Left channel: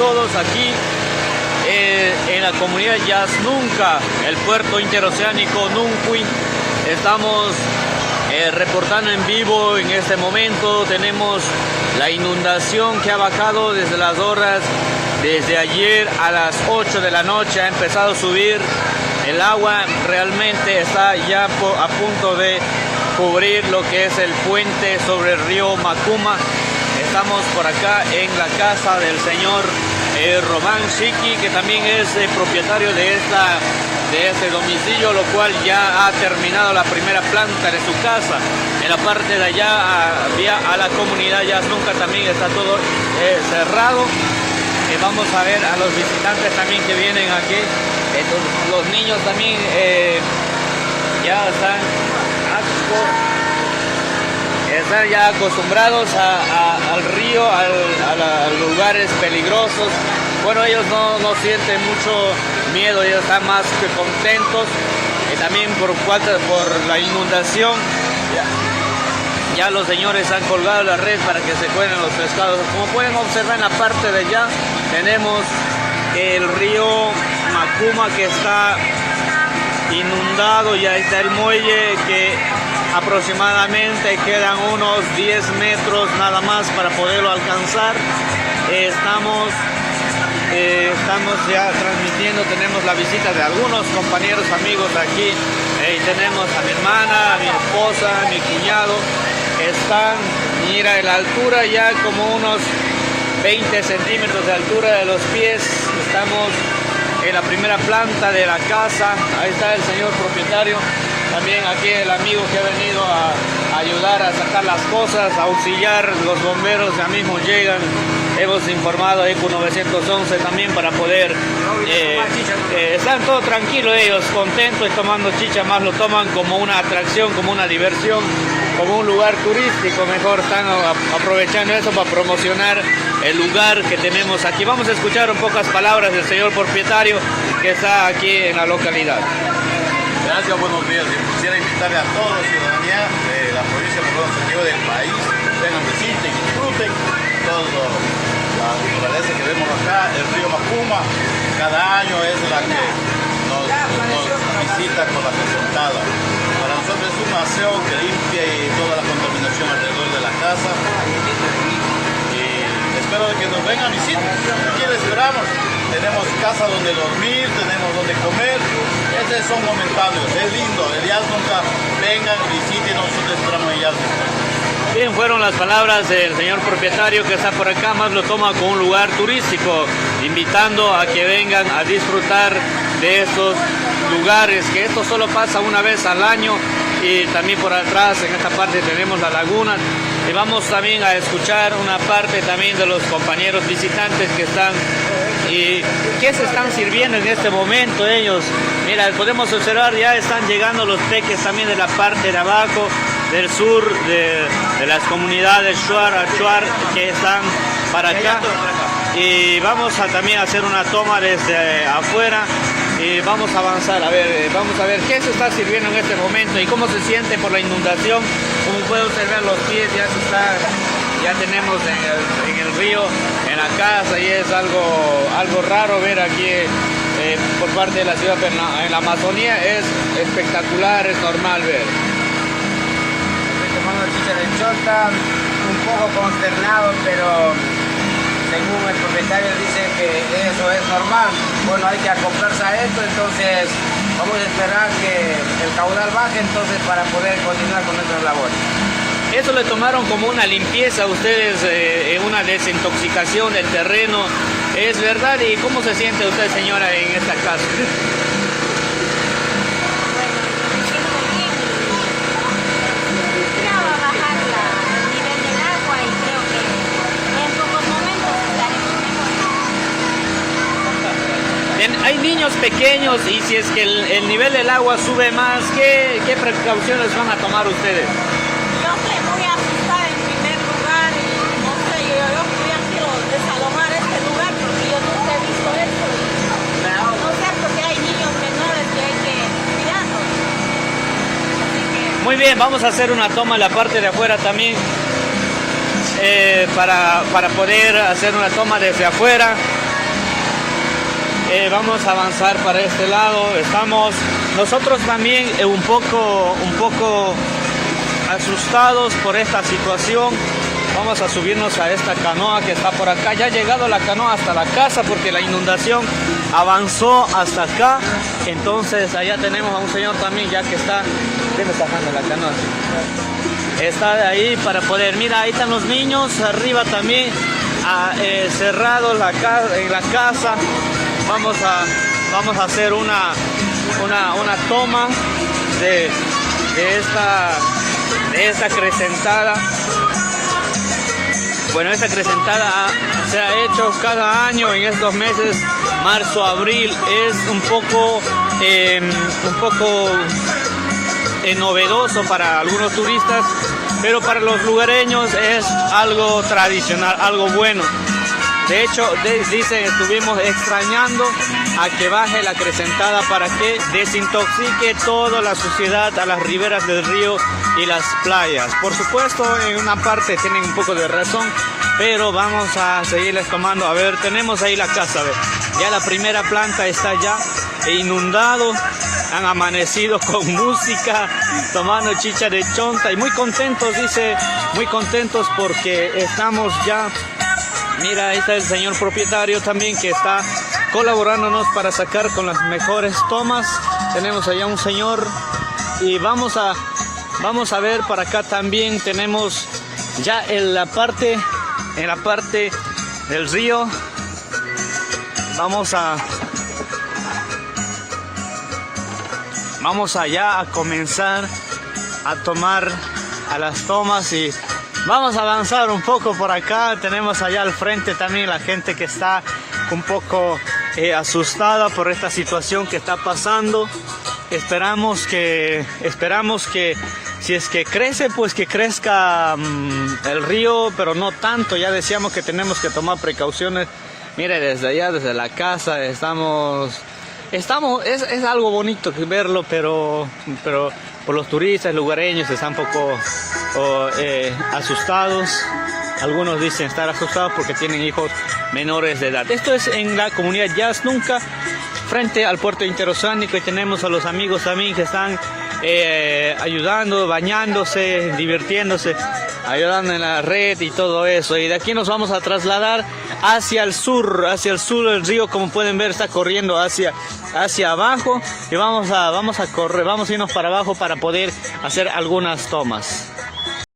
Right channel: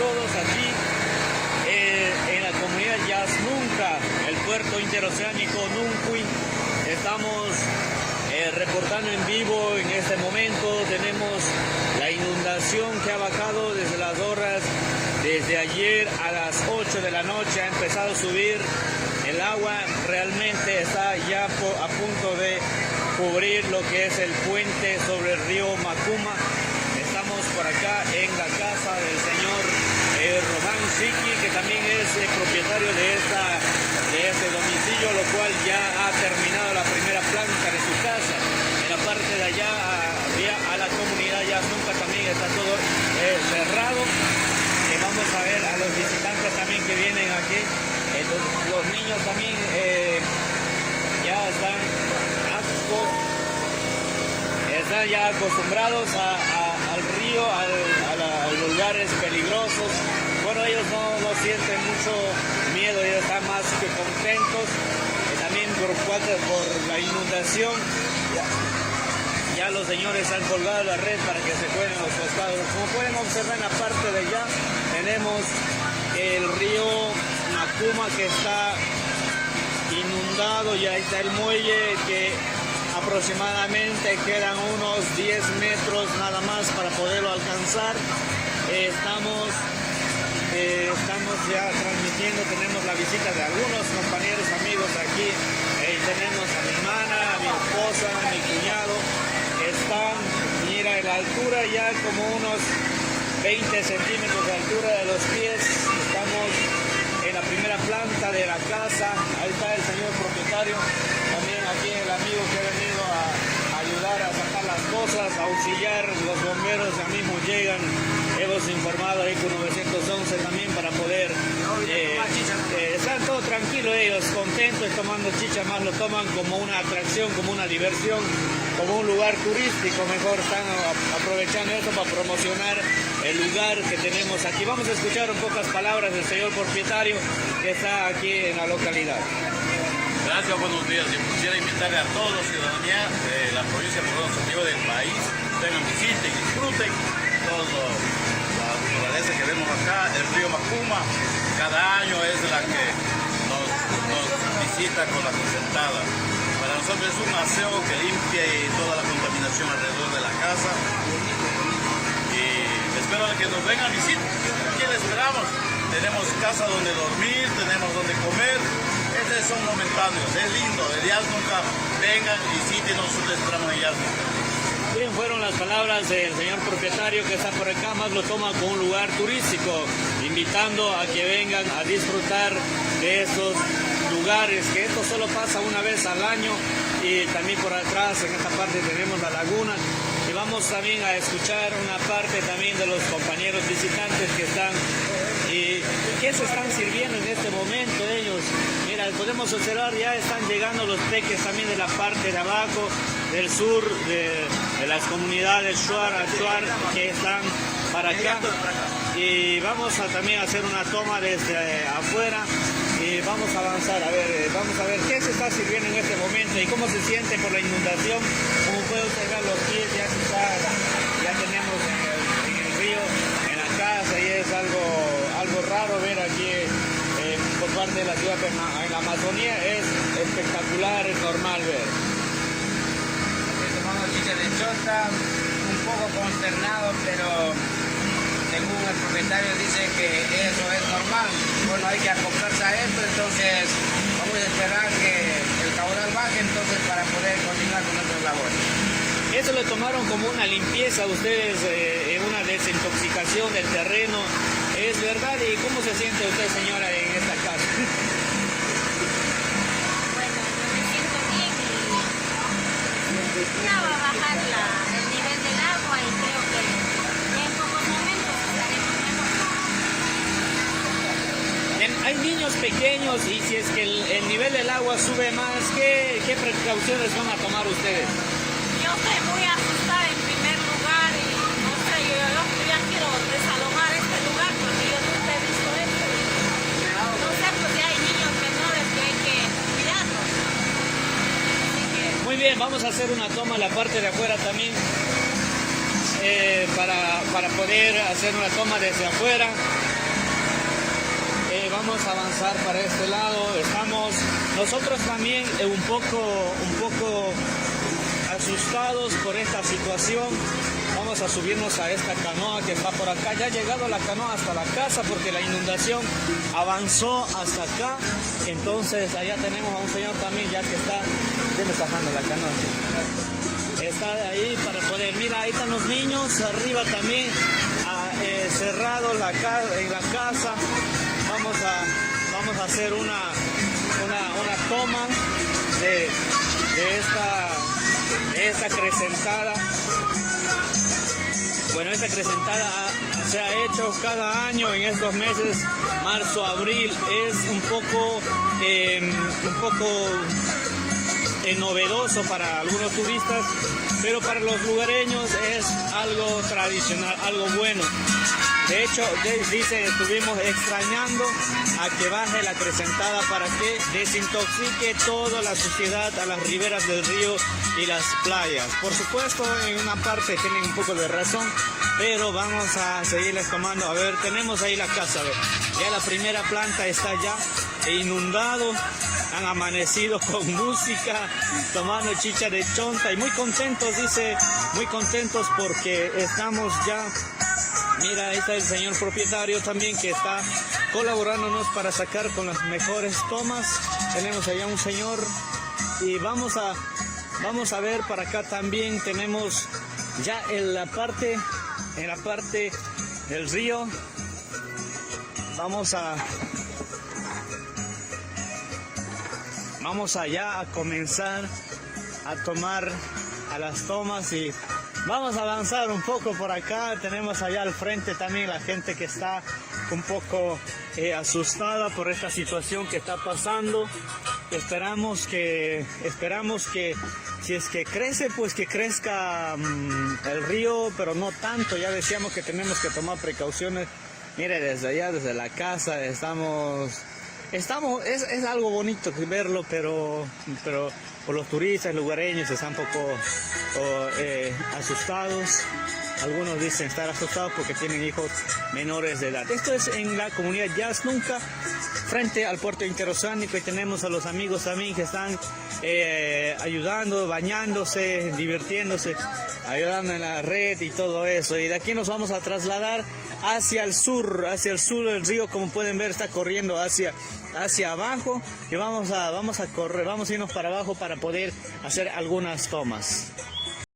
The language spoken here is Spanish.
todos aquí en la comunidad Yasnunca, el puerto interoceánico Nuncuy. Estamos reportando en vivo en este momento. Tenemos la inundación que ha bajado desde las horas, desde ayer a las 8 de la noche ha empezado a subir el agua. Realmente está ya a punto de cubrir lo que es el puente sobre el río Macuma. Estamos por acá en la casa del señor Román Chiqui, que también es propietario de este domicilio, lo cual ya ha terminado la primera planta de su casa. En la parte de allá, vía a la comunidad Yasnunca, también está todo cerrado. Y vamos a ver a los visitantes también que vienen aquí. Los niños también ya están ya acostumbrados al río, a lugares peligrosos. Bueno, ellos no sienten mucho miedo, ellos están más que contentos. Y también por la inundación, ya los señores han colgado la red para que se cuelen los pescados. Como pueden observar en la parte de allá, tenemos el río Macuma que está inundado, y ahí está el muelle que aproximadamente quedan unos 10 metros nada más para poderlo alcanzar. Estamos ya transmitiendo, tenemos la visita de algunos compañeros, amigos aquí. Tenemos a mi hermana, a mi esposa, a mi cuñado. Están, mira, en la altura ya como unos 20 centímetros de altura de los pies. Estamos en la primera planta de la casa. Ahí está el señor propietario. También aquí el amigo que ha venido a ayudar a sacar las cosas, a auxiliar. Los bomberos ya mismo llegan. Hemos informado a ECO 911 también para poder... están todos tranquilos ellos, contentos y tomando chicha, más lo toman como una atracción, como una diversión, como un lugar turístico. Mejor están aprovechando eso para promocionar el lugar que tenemos aquí. Vamos a escuchar un pocas palabras del señor propietario que está aquí en la localidad. Gracias, buenos días. Quisiera invitarle a toda la ciudadanía de la provincia de Morón del país, vengan, visiten, disfruten todo la naturaleza que vemos acá, el río Macuma. Cada año es la que nos visita con la consultada. Para nosotros es un aseo que limpia toda la contaminación alrededor de la casa. Y espero que nos vengan a visitar. Aquí les esperamos. Tenemos casa donde dormir, tenemos donde comer. Son momentáneos, es lindo, el Yasnunca, vengan, visiten, nosotros esperamos en Yasnunca. Bien, fueron las palabras del señor propietario que está por acá, más lo toma como un lugar turístico, invitando a que vengan a disfrutar de estos lugares, que esto solo pasa una vez al año. Y también por atrás, en esta parte, tenemos la laguna. Y vamos también a escuchar una parte también de los compañeros visitantes que están y qué se están sirviendo en este momento ellos. Mira, podemos observar, ya están llegando los peques también de la parte de abajo, del sur, de las comunidades Shuar, Achuar, que están para acá. Y vamos a también hacer una toma desde afuera. Y vamos a avanzar, vamos a ver qué se está sirviendo en este momento y cómo se siente por la inundación. Como puede observar, los pies ya tenemos en el río, en la casa, y es algo raro ver aquí por parte de la ciudad, pero en la Amazonía es espectacular, es normal ver. Tomando chicha de chota, un poco consternado, pero según el propietario dice que eso es normal. Bueno, hay que acoplarse a esto, entonces vamos a esperar que el caudal baje entonces para poder continuar con nuestras labores. Eso le tomaron como una limpieza a ustedes, una desintoxicación del terreno, ¿es verdad? ¿Y cómo se siente usted, señora, en esta casa? Hay niños pequeños, y si es que el nivel del agua sube más, ¿qué precauciones van a tomar ustedes? Yo estoy muy asustada en primer lugar y no sé, yo quiero desalojar este lugar porque yo nunca he visto esto. No es cierto que hay niños menores que hay que cuidarlos. Muy bien, vamos a hacer una toma en la parte de afuera también para poder hacer una toma desde afuera. vamos a avanzar para este lado. Estamos nosotros también un poco asustados por esta situación. Vamos a subirnos a esta canoa que está por acá. Ya ha llegado la canoa hasta la casa porque la inundación avanzó hasta acá. Entonces allá tenemos a un señor también ya que está... ¿Qué me está dando la canoa? Está de ahí para poder... Mira, ahí están los niños. Arriba también cerrado en la casa. Vamos a hacer una toma de esta acrecentada. Bueno, esta acrecentada se ha hecho cada año en estos meses, marzo, abril. Es un poco novedoso para algunos turistas, pero para los lugareños es algo tradicional, algo bueno. De hecho, dicen, estuvimos extrañando a que baje la acrecentada para que desintoxique toda la suciedad a las riberas del río y las playas. Por supuesto, en una parte tienen un poco de razón, pero vamos a seguirles tomando. A ver, tenemos ahí la casa, a ver. Ya la primera planta está ya inundado. Han amanecido con música, tomando chicha de chonta y muy contentos, dice, muy contentos porque estamos ya... Mira, ahí está el señor propietario también que está colaborándonos para sacar con las mejores tomas. Tenemos allá un señor y vamos a ver para acá también. Tenemos ya en la parte del río. Vamos allá a comenzar a tomar a las tomas y vamos a avanzar un poco por acá. Tenemos allá al frente también la gente que está un poco asustada por esta situación que está pasando. Esperamos que si es que crece, pues que crezca el río, pero no tanto. Ya decíamos que tenemos que tomar precauciones. Mire, desde allá, desde la casa, es algo bonito verlo, pero por los turistas lugareños están un poco asustados. Algunos dicen estar asustados porque tienen hijos menores de edad. Esto es en la comunidad Yasnunca, frente al puerto interoceánico, y tenemos a los amigos también que están ayudando, bañándose, divirtiéndose, ayudando en la red y todo eso. Y de aquí nos vamos a trasladar hacia el sur del río. Como pueden ver, está corriendo hacia abajo y vamos a irnos para abajo para poder hacer algunas tomas.